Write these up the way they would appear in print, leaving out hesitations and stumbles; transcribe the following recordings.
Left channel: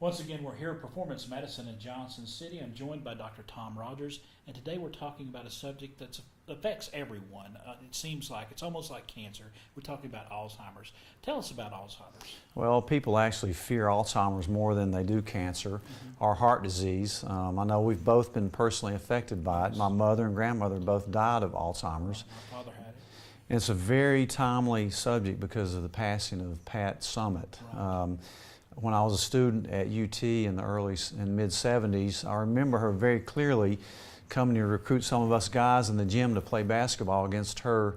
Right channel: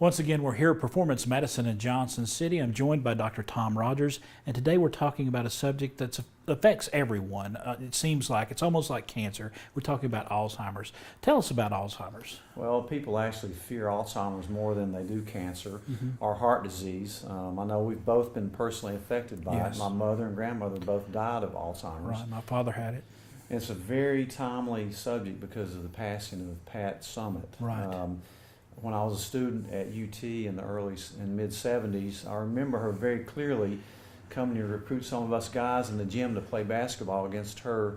Once again, we're here at Performance Medicine in Johnson City. I'm joined by Dr. Tom Rogers, and today we're talking about a subject that affects everyone. It seems like it's almost like cancer. We're talking about Alzheimer's. Tell us about Alzheimer's. Well, people actually fear Alzheimer's more than they do cancer or heart disease. I know we've both been personally affected by it. My mother and grandmother both died of Alzheimer's. Right, my father had it. It's a very timely subject because of the passing of Pat Summitt. Right. When I was a student at UT in the early and mid-70s, I remember her very clearly coming to recruit some of us guys in the gym to play basketball against her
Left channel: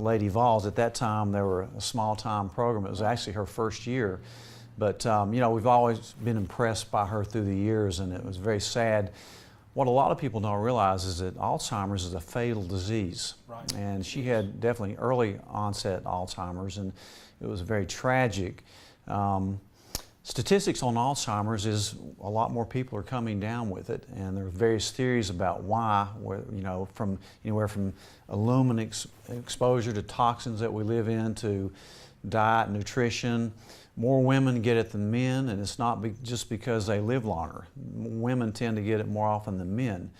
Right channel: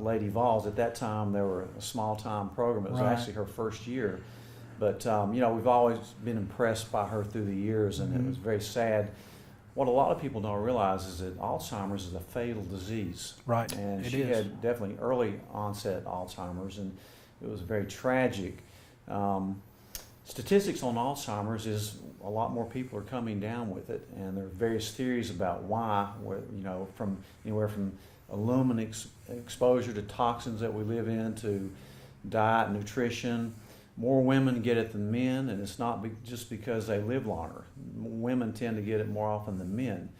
Lady Vols. At that time, they were a small-time program. It was actually her first year. But, you know, we've always been impressed by her through the years, and it was very sad. What a lot of people don't realize is that Alzheimer's is a fatal disease. Right. And she had definitely early onset Alzheimer's, and it was very tragic. Statistics on Alzheimer's is a lot more people are coming down with it, and there are various theories about why, you know, from anywhere from aluminum exposure to toxins that we live in to diet, nutrition. More women get it than men, and it's not just because they live longer. Women tend to get it more often than men.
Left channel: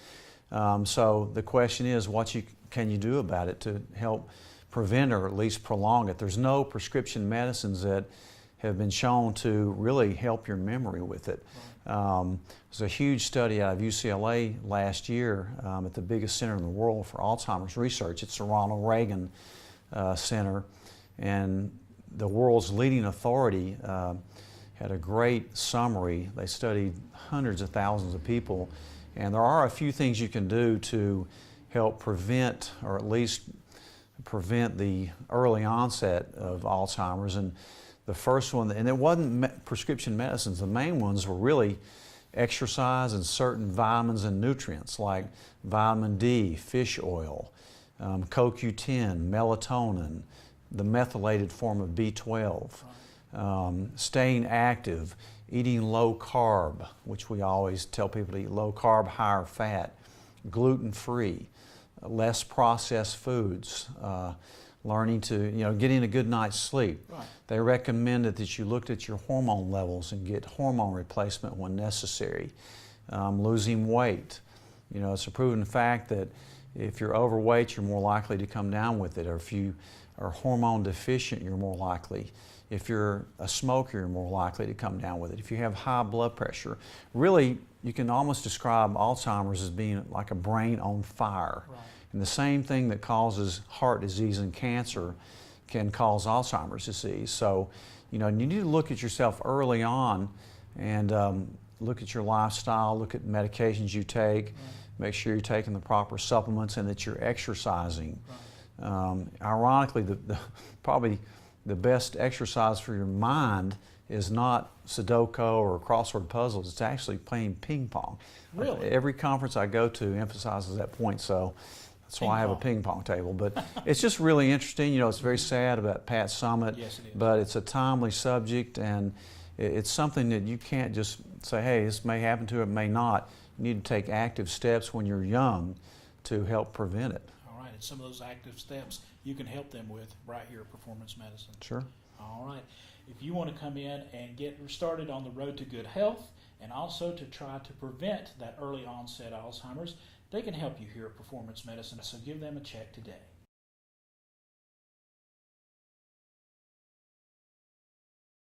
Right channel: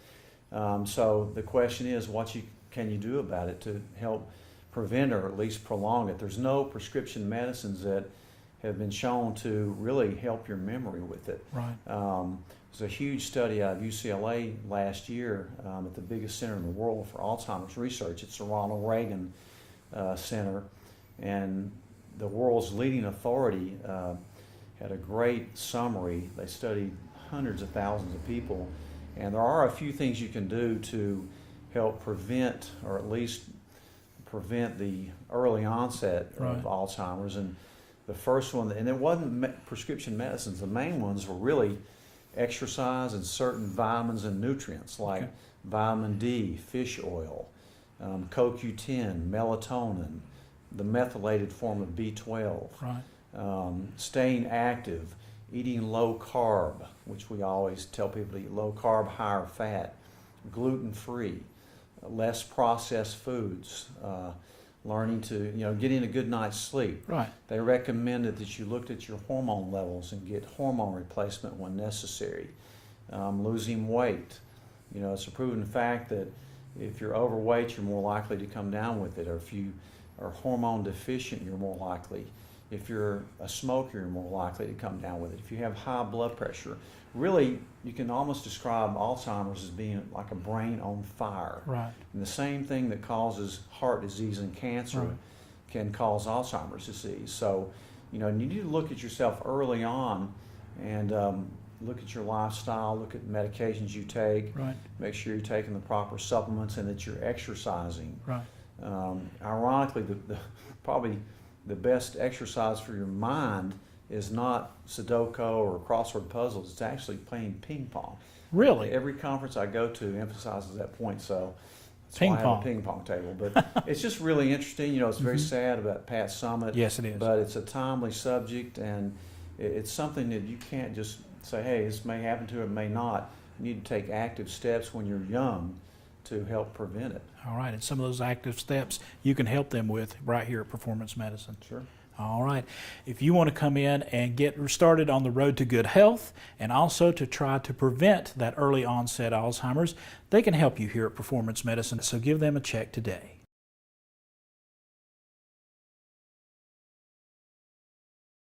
So the question is, what can you do about it to help prevent or at least prolong it? There's no prescription medicines that have been shown to really help your memory with it. Right. There's a huge study out of UCLA last year at the biggest center in the world for Alzheimer's research. It's the Ronald Reagan Center, and the world's leading authority had a great summary. They studied hundreds of thousands of people, and there are a few things you can do to help prevent, or at least prevent the early onset of Alzheimer's. And the first one, and it wasn't prescription medicines, the main ones were really exercise and certain vitamins and nutrients like vitamin D, fish oil, CoQ10, melatonin, the methylated form of B12, staying active, eating low carb, which we always tell people to eat low carb, higher fat, gluten-free, less processed foods, learning to, getting a good night's sleep. Right. They recommended that you looked at your hormone levels and get hormone replacement when necessary. Losing weight. It's a proven fact that if you're overweight, you're more likely to come down with it, or if you are hormone deficient, you're more likely. If you're a smoker, you're more likely to come down with it. If you have high blood pressure, really, you can almost describe Alzheimer's as being like a brain on fire. Right. And the same thing that causes heart disease and cancer can cause Alzheimer's disease. So, you need to look at yourself early on and look at your lifestyle, look at medications you take, make sure you're taking the proper supplements and that you're exercising. Right. Ironically, probably the best exercise for your mind is not Sudoku or crossword puzzles. It's actually playing ping pong. Really? Every conference I go to emphasizes that point, so that's why I have a ping pong table. But it's just really interesting. It's very sad about Pat Summitt. Yes, it is. But it's a timely subject, and it's something that you can't just say, hey, this may happen to it, may not. You need to take active steps when you're young to help prevent it. All right, and some of those active steps you can help them with right here at Performance Medicine. Sure. All right. If you want to come in and get started on the road to good health and also to try to prevent that early onset Alzheimer's, they can help you here at Performance Medicine, so give them a check today.